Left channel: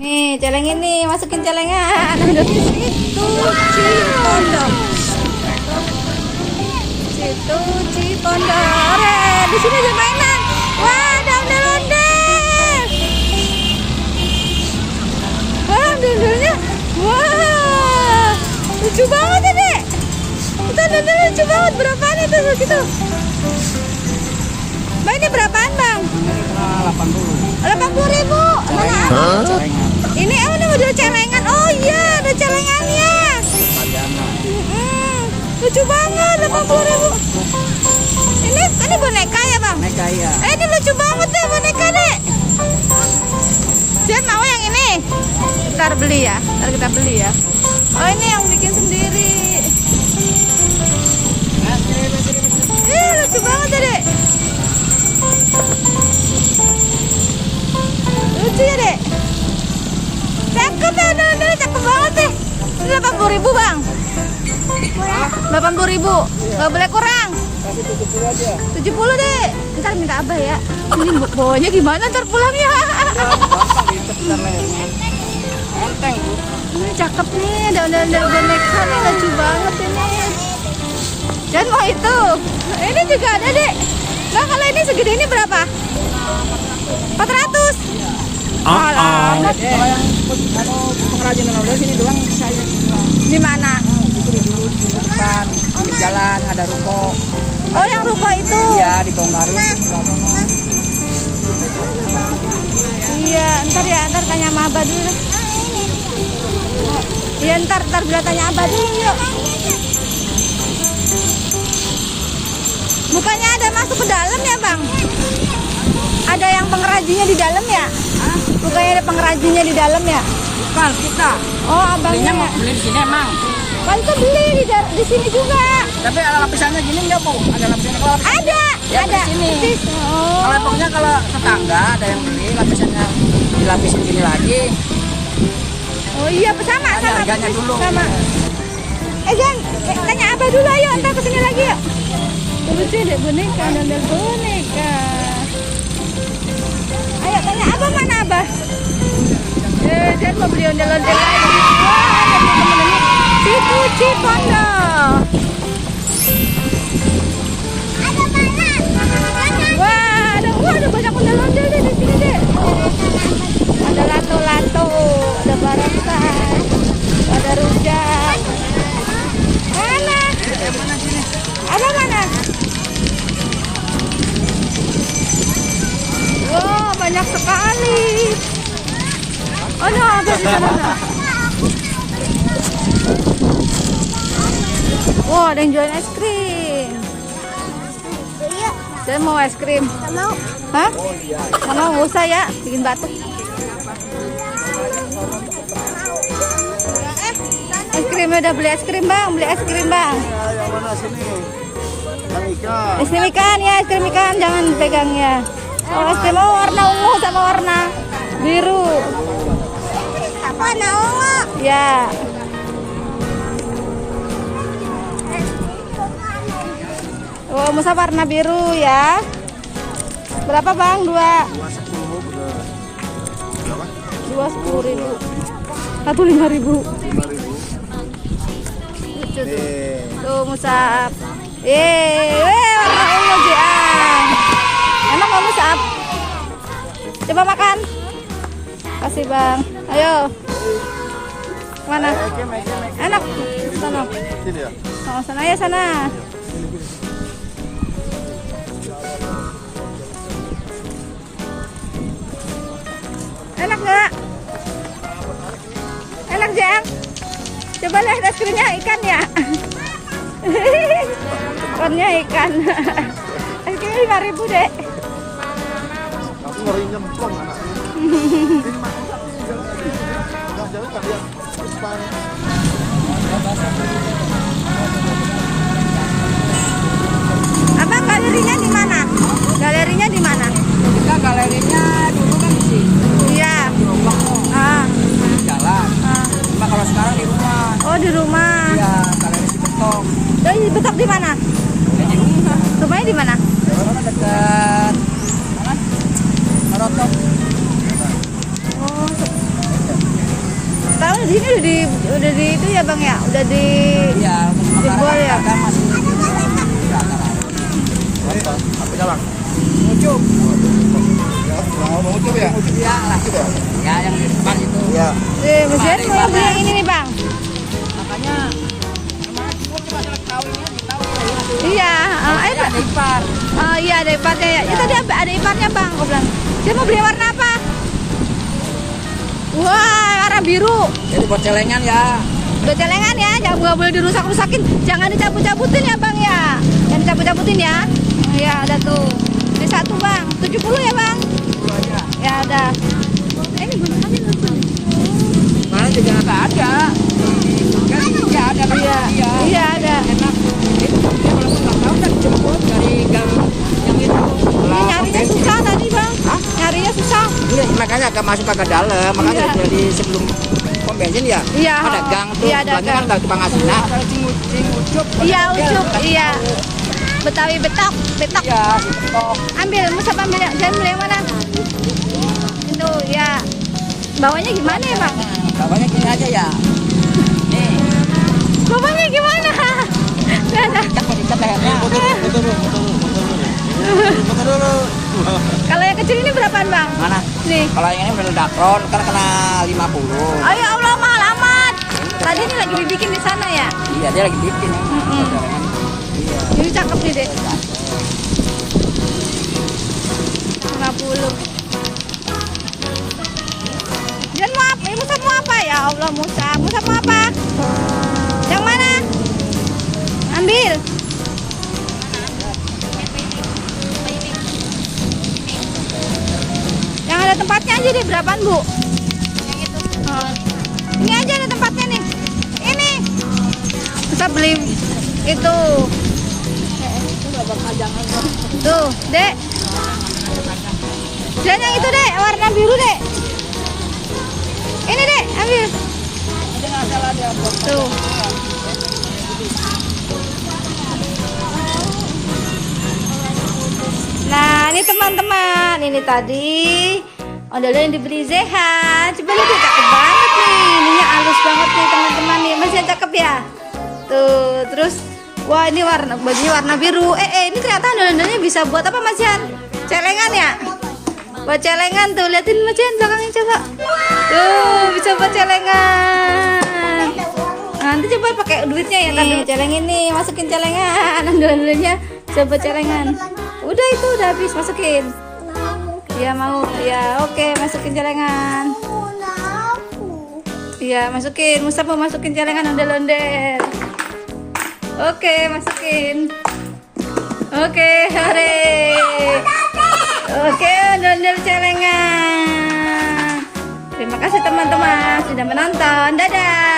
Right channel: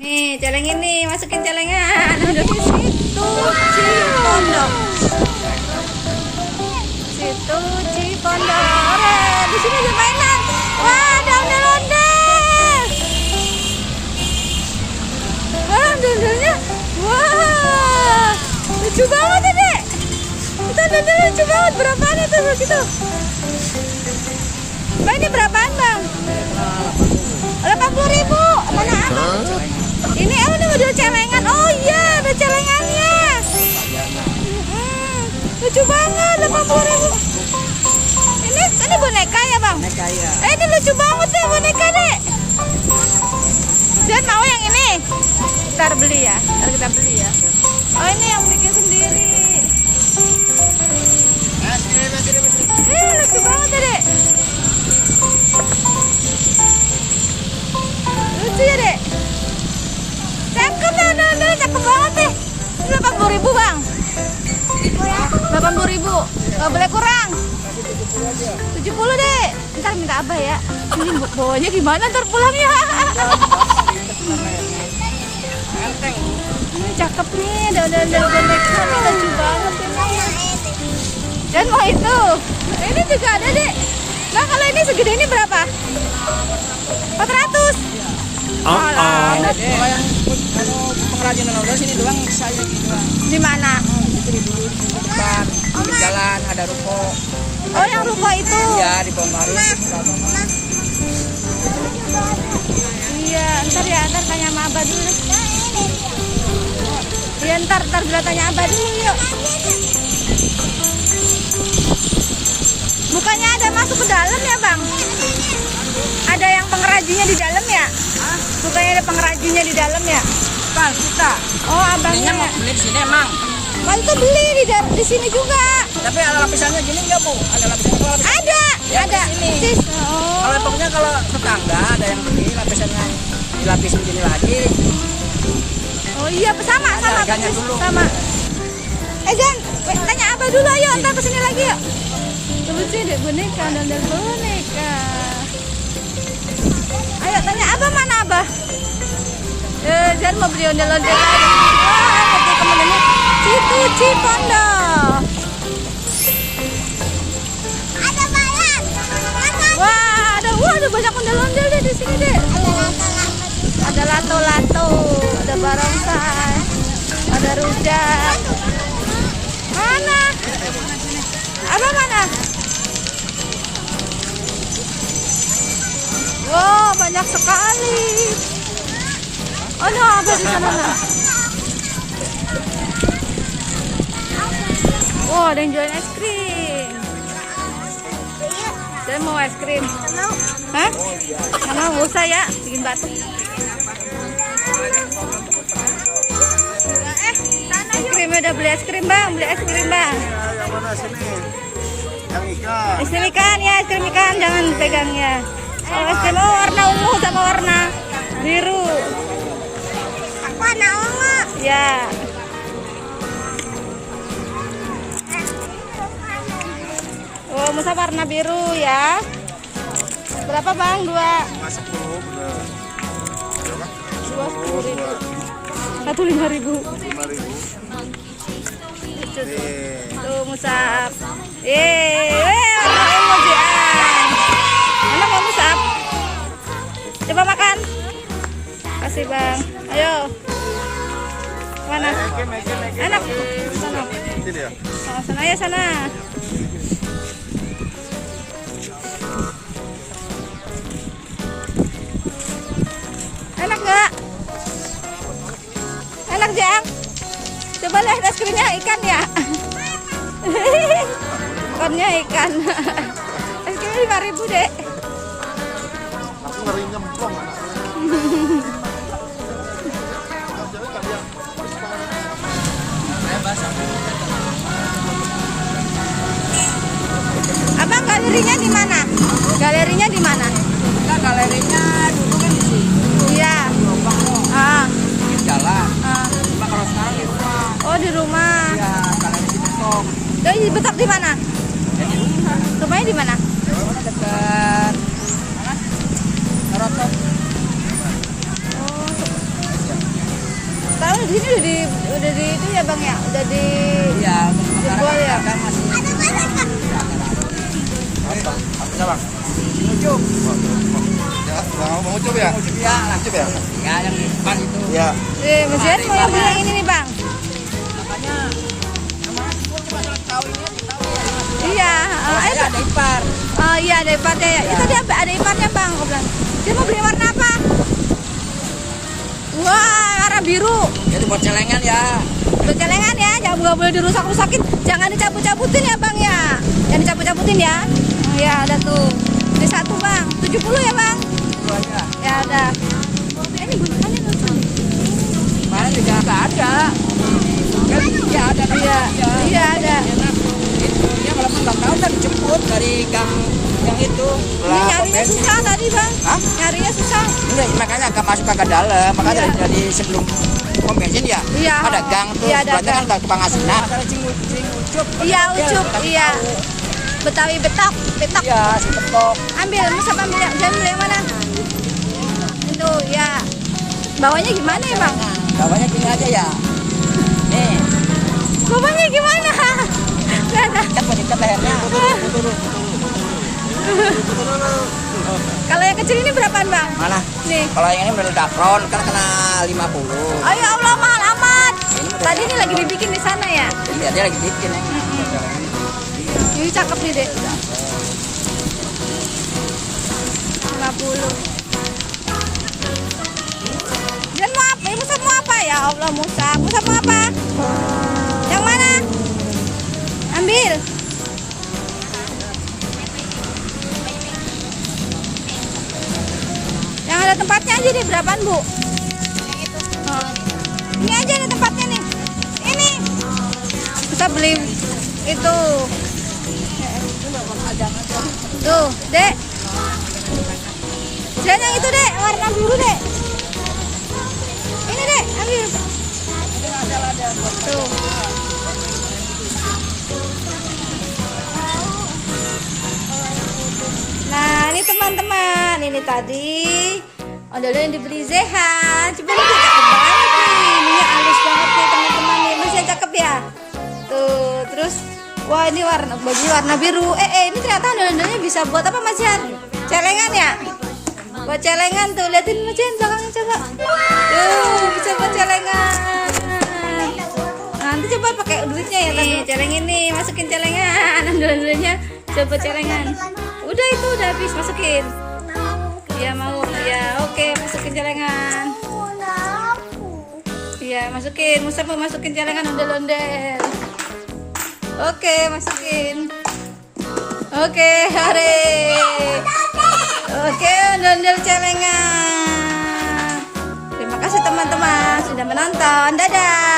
Nih, celeng ini masukin celengan. Udah di situ Cipondok. Situ Cipondok. Di sini ada mainan. Wah, ada ondel-ondel. Wah, ondel-ondelnya. Wah, lucu banget ya, Dek. Itu ondel lucu banget. Berapaan itu segitu? Bang, ini berapaan, Bang? 80.000. Mana ada? Ini ada model celengan. Oh iya, ada celengannya. Lucu banget, 80.000. Ini boneka ya, Bang? Boneka ya. Ini lucu banget deh boneka, Dek. Jangan mau yang ini. Ntar beli ya. Ntar kita beli ya. Oh, ini yang bikin sendiri. Lucu banget ya, Dek. Lucu ya, Dek. Cakep ya, cakep banget deh. Ini 80.000, Bang. 80.000. Gak boleh kurang. 70, Dek. Ntar minta Abah ya. Ini bawanya gimana ntar pulangnya? Ini cakep nih, ada ondel-ondel boneka nih, lucu banget ini. Dan mau itu. Ini juga ada, Dek. Nah, kalau ini segede ini berapa? 400. Amat. Di mana? Di jalan ada ruko. Oh, yang ruko itu. Iya, di Bongkari. Iya, ntar tanya sama Abah dulu deh. Iya, ntar bila tanya Abah dulu yuk. Bukannya ada masuk ke dalam ya, Bang? Ada yang pengrajinnya di dalam ya? Bukannya ada pengrajinnya di dalam ya? Bukan, kita. Oh, abangnya ya? Beli di sini emang. Kan itu beli di sini juga. Tapi ada lapisannya gini enggak, Bu? Ada lapisannya kalau Ada. ya, Ada. di sini. Oh. Kalau pokoknya kalau tetangga ada yang beli lapisannya dilapisin gini lagi. Oh iya, sama. Harganya dulu. Sama. Jan, tanya Abah dulu ayo, ntar kesini lagi yuk. Lucu deh boneka, ondel boneka. Ayo tanya Abah, mana Abah? Jan mau beli ondel-ondel lagi. Wah, lihat nih temen-temennya. Situ Cipondok. Wah, ada banyak ondel-ondel deh di sini deh. Ada lato-lato, ada barongsai, ada rujak. Mana? Abah mana? Wow, banyak sekali. Oh no, Abah di sana. Wow, ada yang jualan es krim. Saya mau es krim. Hah? Mana nggak usah ya, bikin batuk. Es krim udah beli es krim, Bang. Beli es krim, Bang. Yang mana sini? Yang ikan. Es krim ikan ya, es krim ikan jangan pegang ya. Oh, es krim warna ungu sama warna biru. Warna ungu. Ya. Oh, masa warna biru ya. Berapa, Bang? Dua 10.000. Satu 5.000. Lucu tuh. Tuh musab. Warna ungu Jiang. Enak nggak musab? Coba makan. Kasih, Bang. Ayo. Mana? Enak. Sana. Oh, sana ya sana. Enak nggak? Enak, Jang? Coba lihat es krimnya ikan ya. Warnanya ikan. Es krim 5.000, Dek. Abang, galerinya di mana? Galerinya di mana? Kita galerinya dulu kan di sini. Iya. Di Lubang tuh. Jalan. Cuma kalau sekarang di rumah. Oh, di rumah. Iya, galeri di Betok. Di Betok di mana? Di rumah. Rumahnya di mana? Rumah dekat mana? Narotok. Oh, di sini udah di itu ya bang ya, udah di Iya, jebol ya. kan masih muncul. Muncul ya? Iya, ya yang di depan itu. Ya. Mas Jihan mau beli yang ini nih bang. Makanya sama aku masalah kawinnya tahu. Iya, ayo Pak. Ipar. Oh iya ada iparnya ya. Ya tadi ada iparnya bang, aku bilang. Dia mau beli warna apa? Wah, warna biru. Jadi buat celengan ya. Buat celengan ya, jangan nggak boleh dirusak-rusakin. Jangan dicabut-cabutin ya bang ya. Jangan dicabut-cabutin ya. Oh, ya ada tuh. Ini satu bang, 70 ya bang. Itu aja. Ya ada. Ini gunungannya lucu nih. Mana juga nggak ada. Kan iya ada. Iya, iya ada. Dia kalau suka kau kan jemput dari gang yang itu. Ini nyarinya susah tadi bang. Nyarinya susah. Iya, makanya agak masuk agak dalam. Makanya Iya. dari sebelum pom bensin ya. Iya, Ada gang. iya, ada gang. Ada tukang asina. Ada ucup. Iya ucup, iya. Betawi betok. Iya, si betok. Ambil, Musab ambil yang, jangan ambil yang mana? Itu ya. Bawahnya gimana ya bang? Bawahnya gini aja ya. Nih. Bawahnya gimana? Nggak ada. Kita lehernya. Kalau yang kecil ini berapaan bang? Mana? Nih. Kalau yang ini udah dafron kan kena 50. Oh ya Allah mahal amat. Tadi ini lagi dibikin di sana ya. Iya, dia lagi bikin. Ini cakep nih dek. 50. Dan mau apa? Musa mau apa ya Allah Musa? Musa mau apa? Yang mana? Ambil. Yang ada tempatnya aja deh, berapaan bu? Oh. Ini aja ada tempatnya nih. Ini. Bisa beli itu. Tuh, dek. Dan yang itu dek, warna biru dek. Ini dek, ambil. Tuh. Nah, ini teman-teman, ini tadi ondel yang dibeli Zeha. Coba lihat, cakep banget nih. Ininya halus banget nih teman-teman nih. Masih cakep ya. Tuh, terus wah ini warna bajunya warna biru. Ini ternyata ondel-ondelnya bisa buat apa Mas Jihan? Celengan ya? Buat celengan tuh, liatin Mas Jihan belakangnya coba. Tuh, bisa buat celengan. Nanti coba pakai duitnya ya tadi celengin nih, masukin celengan. Ondel-ondelnya coba celengan. Udah itu udah habis, masukin. Ya mau, ya oke, masukin celengan. Iya masukin, Musa mau masukin celengan ondel-ondel. Oke, masukin. Oke, hore. Oke, ondel-ondel celengan. Terima kasih teman-teman sudah menonton. Dadah.